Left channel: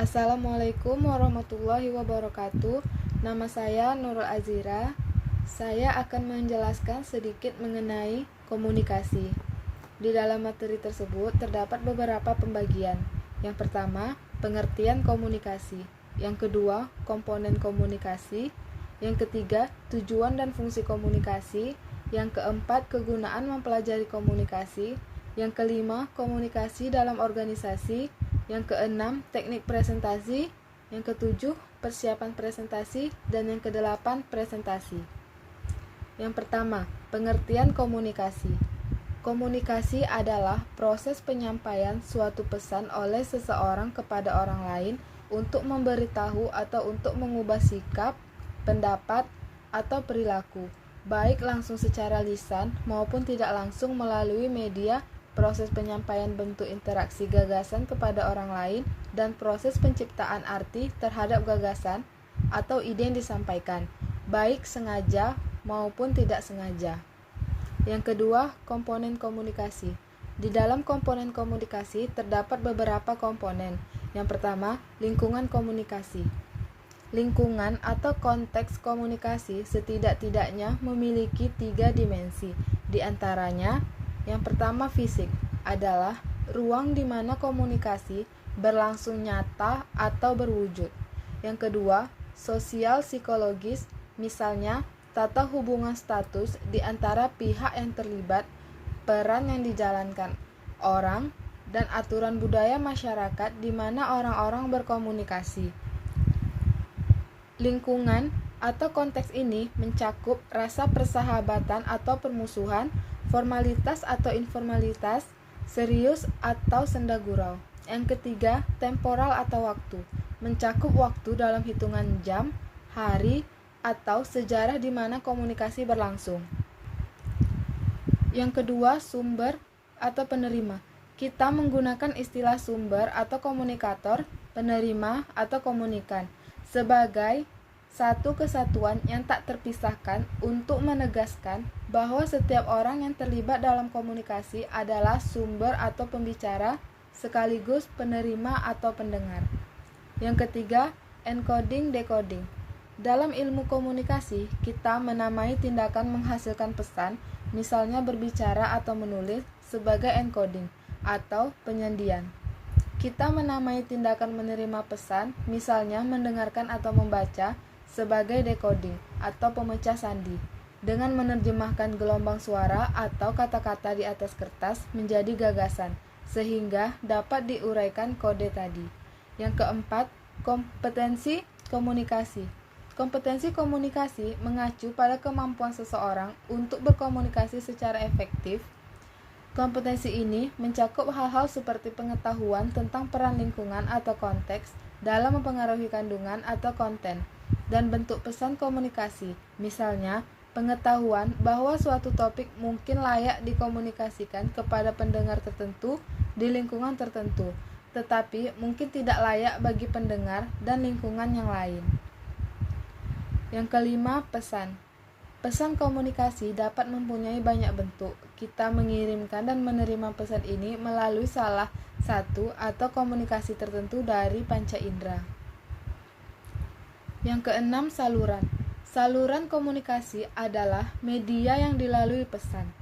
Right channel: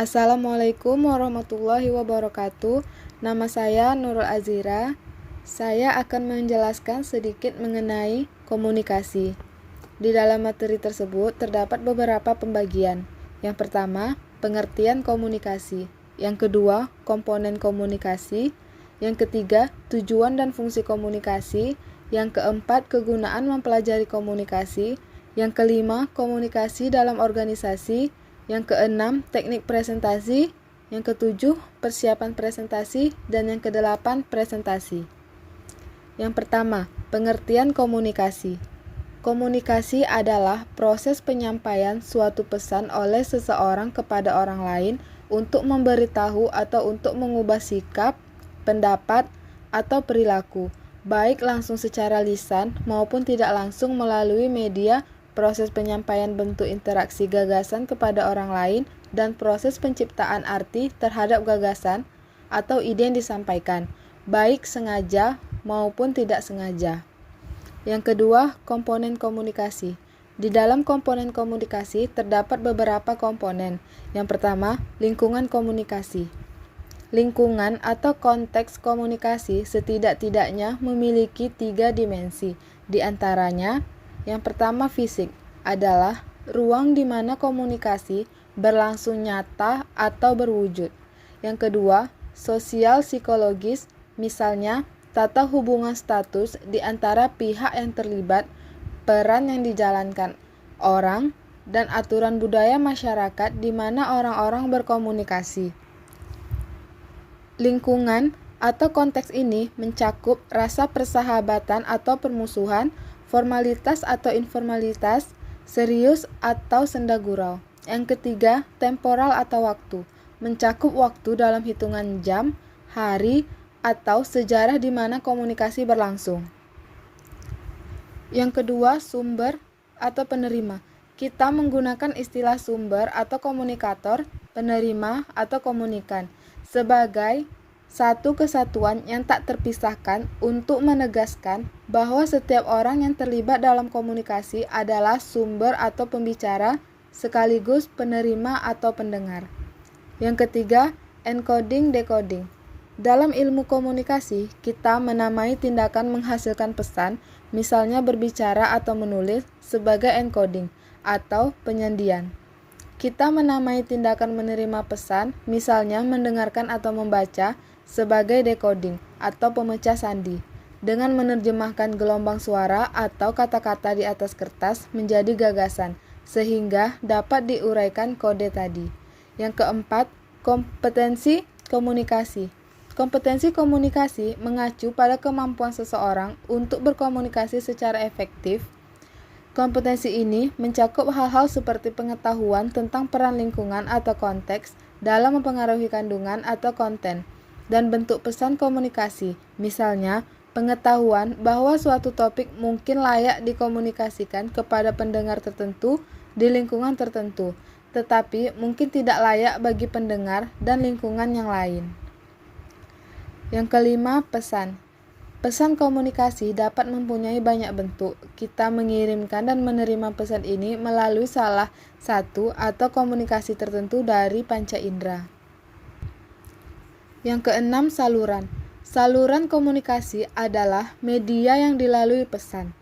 Assalamualaikum warahmatullahi wabarakatuh. Nama saya Nurul Azira. Saya akan menjelaskan sedikit mengenai komunikasi. Di dalam materi tersebut terdapat beberapa pembagian. Yang pertama, pengertian komunikasi. Yang kedua, komponen komunikasi. Yang ketiga, tujuan dan fungsi komunikasi. Yang keempat, kegunaan mempelajari komunikasi. Yang kelima, komunikasi dalam organisasi. Yang keenam, teknik presentasi. Yang ketujuh, persiapan presentasi. Dan yang kedelapan, presentasi. Yang pertama, pengertian komunikasi. Komunikasi adalah proses penyampaian suatu pesan oleh seseorang kepada orang lain untuk memberitahu atau untuk mengubah sikap, pendapat, atau perilaku, baik langsung secara lisan maupun tidak langsung melalui media. Proses penyampaian bentuk interaksi gagasan kepada orang lain dan proses penciptaan arti terhadap gagasan atau ide yang disampaikan, baik sengaja maupun tidak sengaja. Yang kedua, komponen komunikasi. Di dalam komponen komunikasi terdapat beberapa komponen. Yang pertama, lingkungan komunikasi. Lingkungan atau konteks komunikasi setidak-tidaknya memiliki 3 dimensi. Di antaranya, yang pertama, fisik adalah ruang di mana komunikasi berlangsung nyata atau berwujud. Yang kedua, sosial psikologis, misalnya tata hubungan status di antara pihak yang terlibat, peran yang dijalankan orang, dan aturan budaya masyarakat di mana orang-orang berkomunikasi. Lingkungan atau konteks ini mencakup rasa persahabatan atau permusuhan, formalitas atau informalitas, serius atau senda gurau. Yang ketiga, temporal atau waktu, mencakup waktu dalam hitungan jam, hari, atau sejarah di mana komunikasi berlangsung. Yang kedua, sumber atau penerima. Kita menggunakan istilah sumber atau komunikator, penerima atau komunikan sebagai satu kesatuan yang tak terpisahkan untuk menegaskan bahwa setiap orang yang terlibat dalam komunikasi adalah sumber atau pembicara sekaligus penerima atau pendengar. Yang ketiga, encoding-decoding. Dalam ilmu komunikasi, kita menamai tindakan menghasilkan pesan, misalnya berbicara atau menulis, sebagai encoding atau penyandian. Kita menamai tindakan menerima pesan, misalnya mendengarkan atau membaca, sebagai decoding atau pemecah sandi, dengan menerjemahkan gelombang suara atau kata-kata di atas kertas menjadi gagasan, sehingga dapat diuraikan kode tadi. Yang keempat, kompetensi komunikasi. Kompetensi komunikasi mengacu pada kemampuan seseorang untuk berkomunikasi secara efektif. Kompetensi ini mencakup hal-hal seperti pengetahuan tentang peran lingkungan atau konteks dalam mempengaruhi kandungan atau konten dan bentuk pesan komunikasi. Misalnya, pengetahuan bahwa suatu topik mungkin layak dikomunikasikan kepada pendengar tertentu di lingkungan tertentu, tetapi mungkin tidak layak bagi pendengar dan lingkungan yang lain. Yang kelima, pesan. Pesan komunikasi dapat mempunyai banyak bentuk. Kita mengirimkan dan menerima pesan ini melalui salah satu atau komunikasi tertentu dari panca indera. Yang keenam, saluran. Saluran komunikasi adalah media yang dilalui pesan.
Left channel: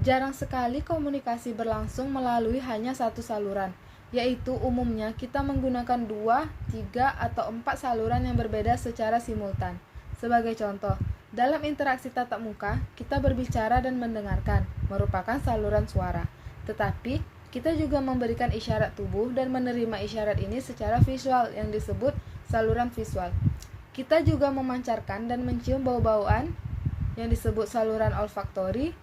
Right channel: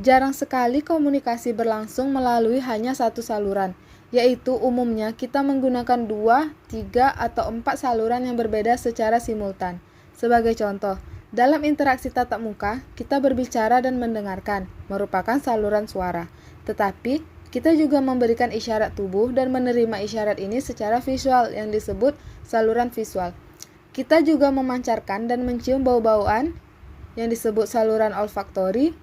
Jarang sekali komunikasi berlangsung melalui hanya satu saluran, yaitu umumnya kita menggunakan 2, 3, atau 4 saluran yang berbeda secara simultan. Sebagai contoh, dalam interaksi tatap muka, kita berbicara dan mendengarkan, merupakan saluran suara. Tetapi, kita juga memberikan isyarat tubuh dan menerima isyarat ini secara visual yang disebut saluran visual. Kita juga memancarkan dan mencium bau-bauan yang disebut saluran olfaktori.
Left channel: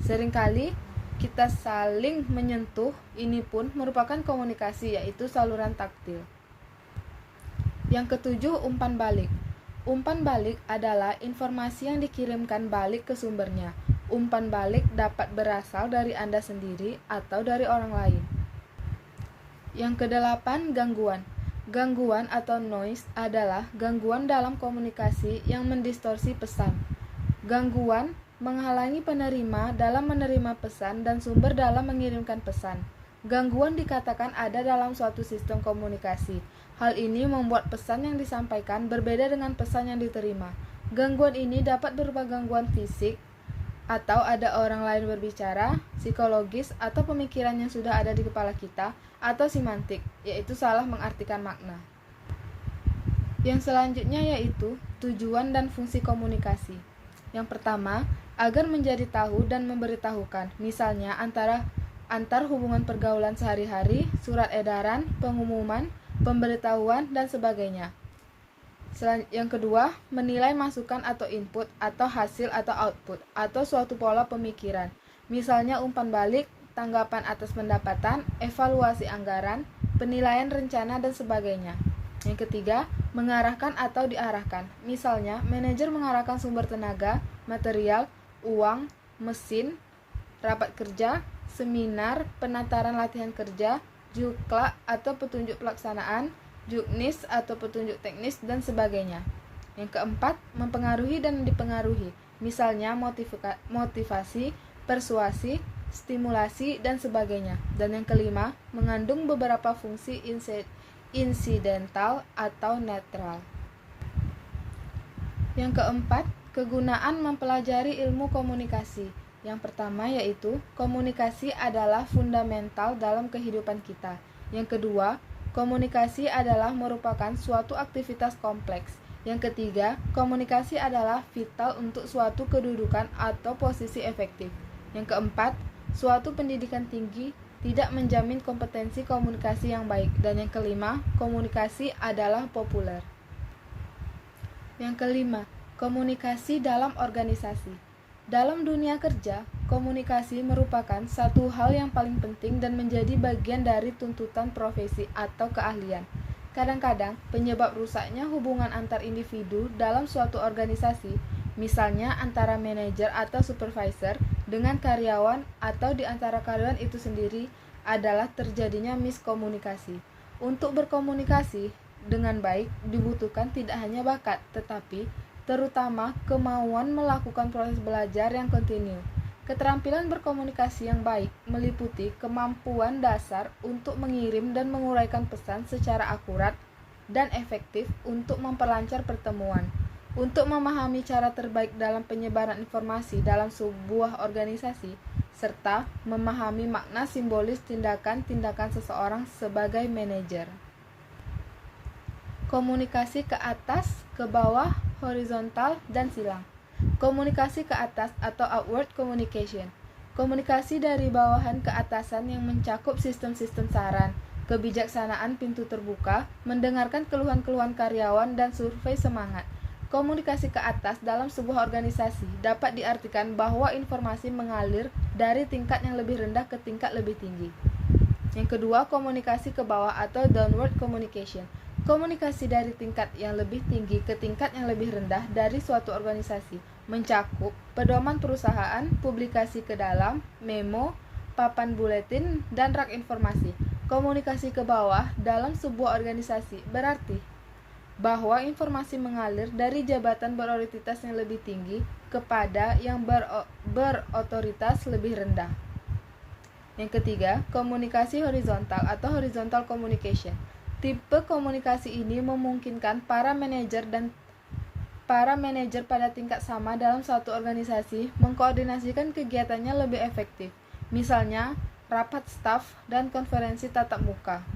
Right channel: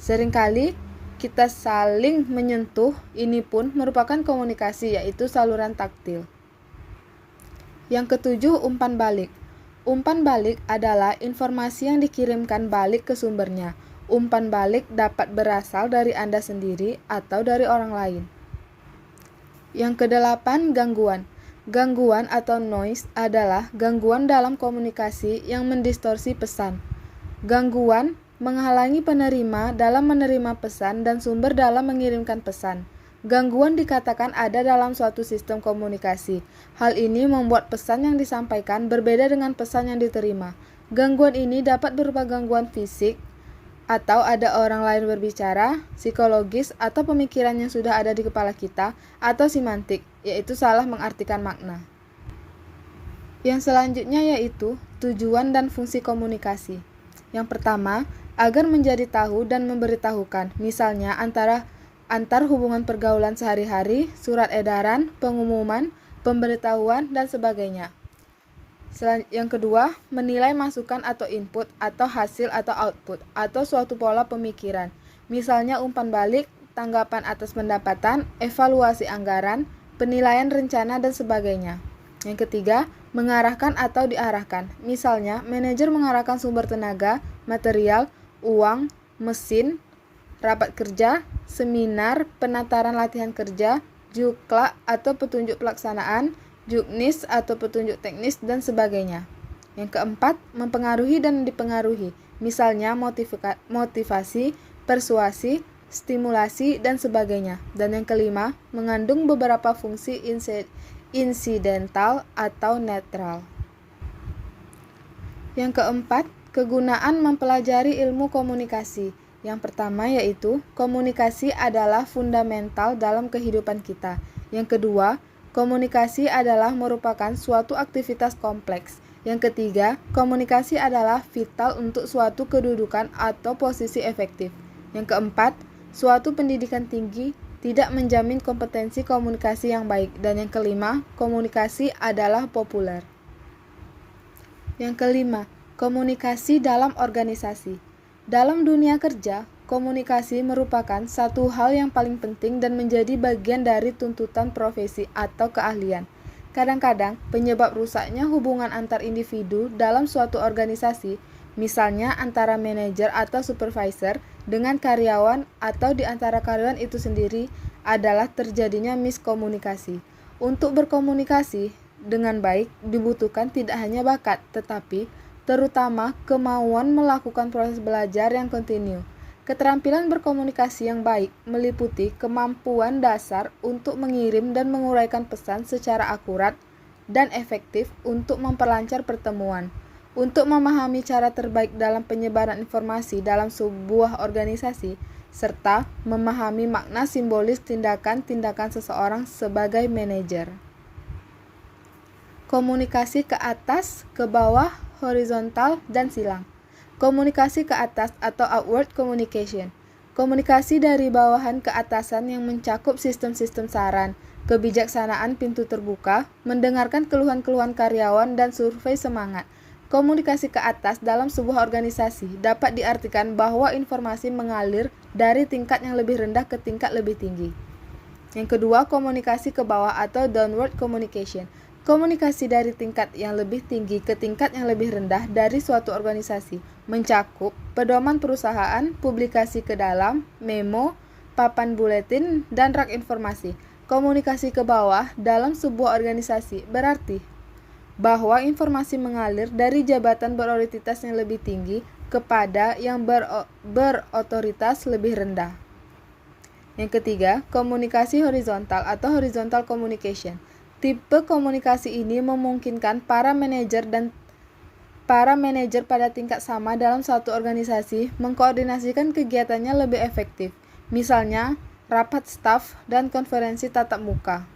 Seringkali kita saling menyentuh, ini pun merupakan komunikasi, yaitu saluran taktil. Yang ketujuh, umpan balik. Umpan balik adalah informasi yang dikirimkan balik ke sumbernya. Umpan balik dapat berasal dari Anda sendiri atau dari orang lain. Yang kedelapan, gangguan. Gangguan atau noise adalah gangguan dalam komunikasi yang mendistorsi pesan. Gangguan menghalangi penerima dalam menerima pesan dan sumber dalam mengirimkan pesan. Gangguan dikatakan ada dalam suatu sistem komunikasi. Hal ini membuat pesan yang disampaikan berbeda dengan pesan yang diterima. Gangguan ini dapat berupa gangguan fisik, atau ada orang lain berbicara, psikologis, atau pemikiran yang sudah ada di kepala kita, atau simantik, yaitu salah mengartikan makna. Yang selanjutnya yaitu tujuan dan fungsi komunikasi. Yang pertama, agar menjadi tahu dan memberitahukan, misalnya antar hubungan pergaulan sehari-hari, surat edaran, pengumuman, pemberitahuan, dan sebagainya. Yang kedua, menilai masukan atau input atau hasil atau output atau suatu pola pemikiran, misalnya umpan balik, tanggapan atas pendapatan, evaluasi anggaran, penilaian rencana, dan sebagainya. Yang ketiga, mengarahkan atau diarahkan, misalnya manajer mengarahkan sumber tenaga, material, uang, mesin, rapat kerja, seminar, penataran latihan kerja, juklak atau petunjuk pelaksanaan, juknis atau petunjuk teknis, dan sebagainya. Yang keempat, mempengaruhi dan dipengaruhi, misalnya motivasi, persuasi, stimulasi, dan sebagainya. Dan yang kelima, mengandung beberapa fungsi insidental atau netral. Yang keempat, kegunaan mempelajari ilmu komunikasi. Yang pertama yaitu, komunikasi adalah fundamental dalam kehidupan kita. Yang kedua, komunikasi adalah merupakan suatu aktivitas kompleks. Yang ketiga, komunikasi adalah vital untuk suatu kedudukan atau posisi efektif. Yang keempat, suatu pendidikan tinggi tidak menjamin kompetensi komunikasi yang baik. Dan yang kelima, komunikasi adalah populer. Yang kelima, komunikasi dalam organisasi. Dalam dunia kerja, komunikasi merupakan satu hal yang paling penting dan menjadi bagian dari tuntutan profesi atau keahlian. Kadang-kadang, penyebab rusaknya hubungan antar individu dalam suatu organisasi, misalnya antara manajer atau supervisor dengan karyawan atau di antara karyawan itu sendiri, adalah terjadinya miskomunikasi. Untuk berkomunikasi dengan baik dibutuhkan tidak hanya bakat, tetapi terutama kemauan melakukan proses belajar yang kontinu. Keterampilan berkomunikasi yang baik meliputi kemampuan dasar untuk mengirim dan menguraikan pesan secara akurat dan efektif untuk memperlancar pertemuan, untuk memahami cara terbaik dalam penyebaran informasi dalam sebuah organisasi, serta memahami makna simbolis tindakan-tindakan seseorang sebagai manajer. Komunikasi ke atas, ke bawah, horizontal, dan silang. Komunikasi ke atas atau outward communication. Komunikasi dari bawahan ke atasan yang mencakup sistem-sistem saran, kebijaksanaan pintu terbuka, mendengarkan keluhan-keluhan karyawan, dan survei semangat. Komunikasi ke atas dalam sebuah organisasi dapat diartikan bahwa informasi mengalir dari tingkat yang lebih rendah ke tingkat lebih tinggi. Yang kedua, komunikasi ke bawah atau downward communication. Komunikasi dari tingkat yang lebih tinggi ke tingkat yang lebih rendah dari suatu organisasi mencakup pedoman perusahaan, publikasi ke dalam, memo, papan buletin, dan rak informasi. Komunikasi ke bawah dalam sebuah organisasi berarti bahwa informasi mengalir dari jabatan berotoritas yang lebih tinggi kepada yang berotoritas lebih rendah. Yang ketiga, komunikasi horizontal atau horizontal communication. Tipe komunikasi ini memungkinkan para manajer pada tingkat sama dalam satu organisasi mengkoordinasikan kegiatannya lebih efektif, misalnya rapat staf dan konferensi tatap muka.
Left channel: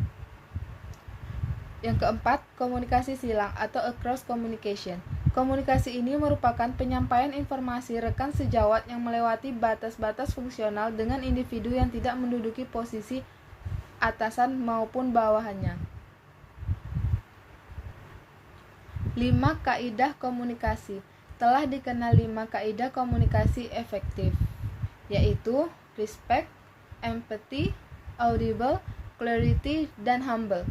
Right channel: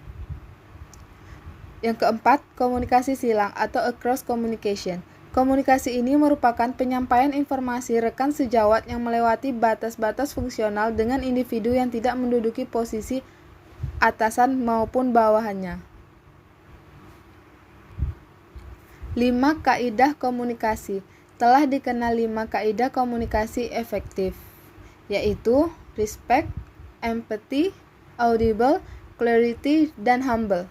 Yang keempat, komunikasi silang atau across communication. Komunikasi ini merupakan penyampaian informasi rekan sejawat yang melewati batas-batas fungsional dengan individu yang tidak menduduki posisi atasan maupun bawahannya. 5 kaidah komunikasi. Telah dikenal 5 kaidah komunikasi efektif, yaitu respect, empathy, audible, clarity, dan humble.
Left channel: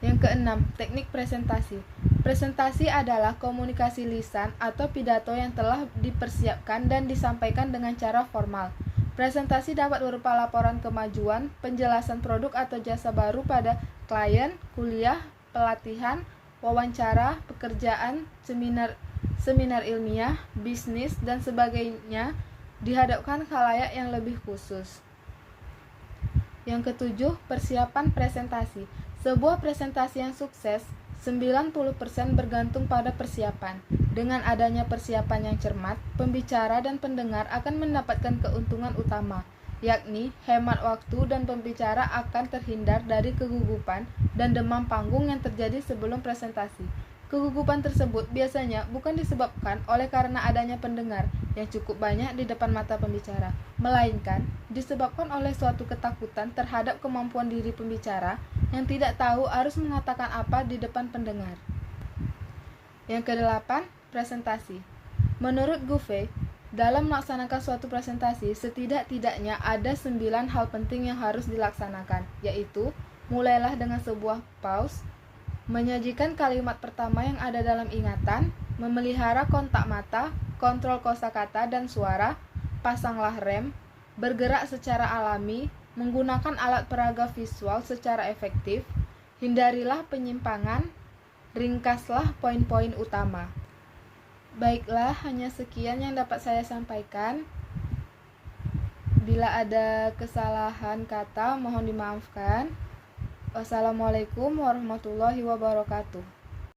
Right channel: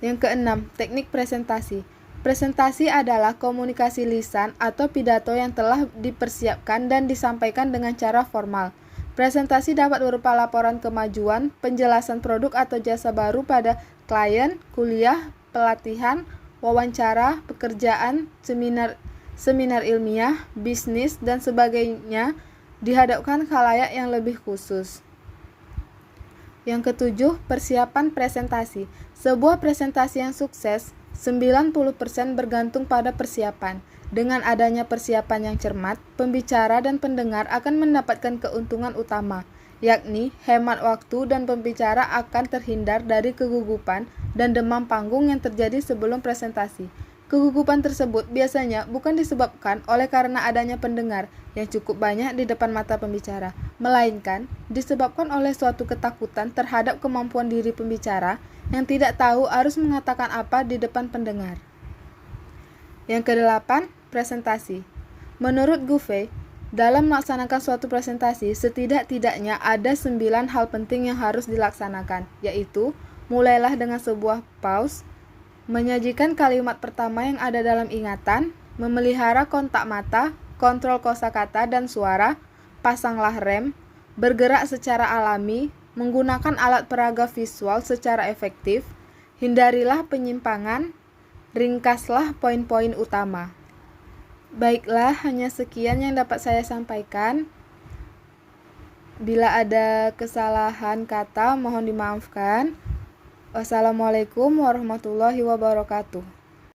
Yang keenam, teknik presentasi. Presentasi adalah komunikasi lisan atau pidato yang telah dipersiapkan dan disampaikan dengan cara formal. Presentasi dapat berupa laporan kemajuan, penjelasan produk atau jasa baru pada klien, kuliah, pelatihan, wawancara, pekerjaan, seminar ilmiah, bisnis, dan sebagainya dihadapkan khalayak yang lebih khusus. Yang ketujuh, persiapan presentasi. Sebuah presentasi yang sukses 90% bergantung pada persiapan. Dengan adanya persiapan yang cermat, pembicara dan pendengar akan mendapatkan keuntungan utama, yakni hemat waktu dan pembicara akan terhindar dari kegugupan dan demam panggung yang terjadi sebelum presentasi. Kegugupan tersebut biasanya bukan disebabkan oleh karena adanya pendengar yang cukup banyak di depan mata pembicara, melainkan disebabkan oleh suatu ketakutan terhadap kemampuan diri pembicara yang tidak tahu harus mengatakan apa di depan pendengar. Yang kedelapan, presentasi. Menurut Gouvet, dalam melaksanakan suatu presentasi, setidak-tidaknya ada 9 hal penting yang harus dilaksanakan, yaitu mulailah dengan sebuah pause, menyajikan kalimat pertama yang ada dalam ingatan, memelihara kontak mata, kontrol kosakata dan suara, pasanglah rem, bergerak secara alami, menggunakan alat peraga visual secara efektif, hindarilah penyimpangan, ringkaslah poin-poin utama. Baiklah, hanya sekian yang dapat saya sampaikan. Bila ada kesalahan kata, mohon dimaafkan. Wassalamualaikum warahmatullahi wabarakatuh.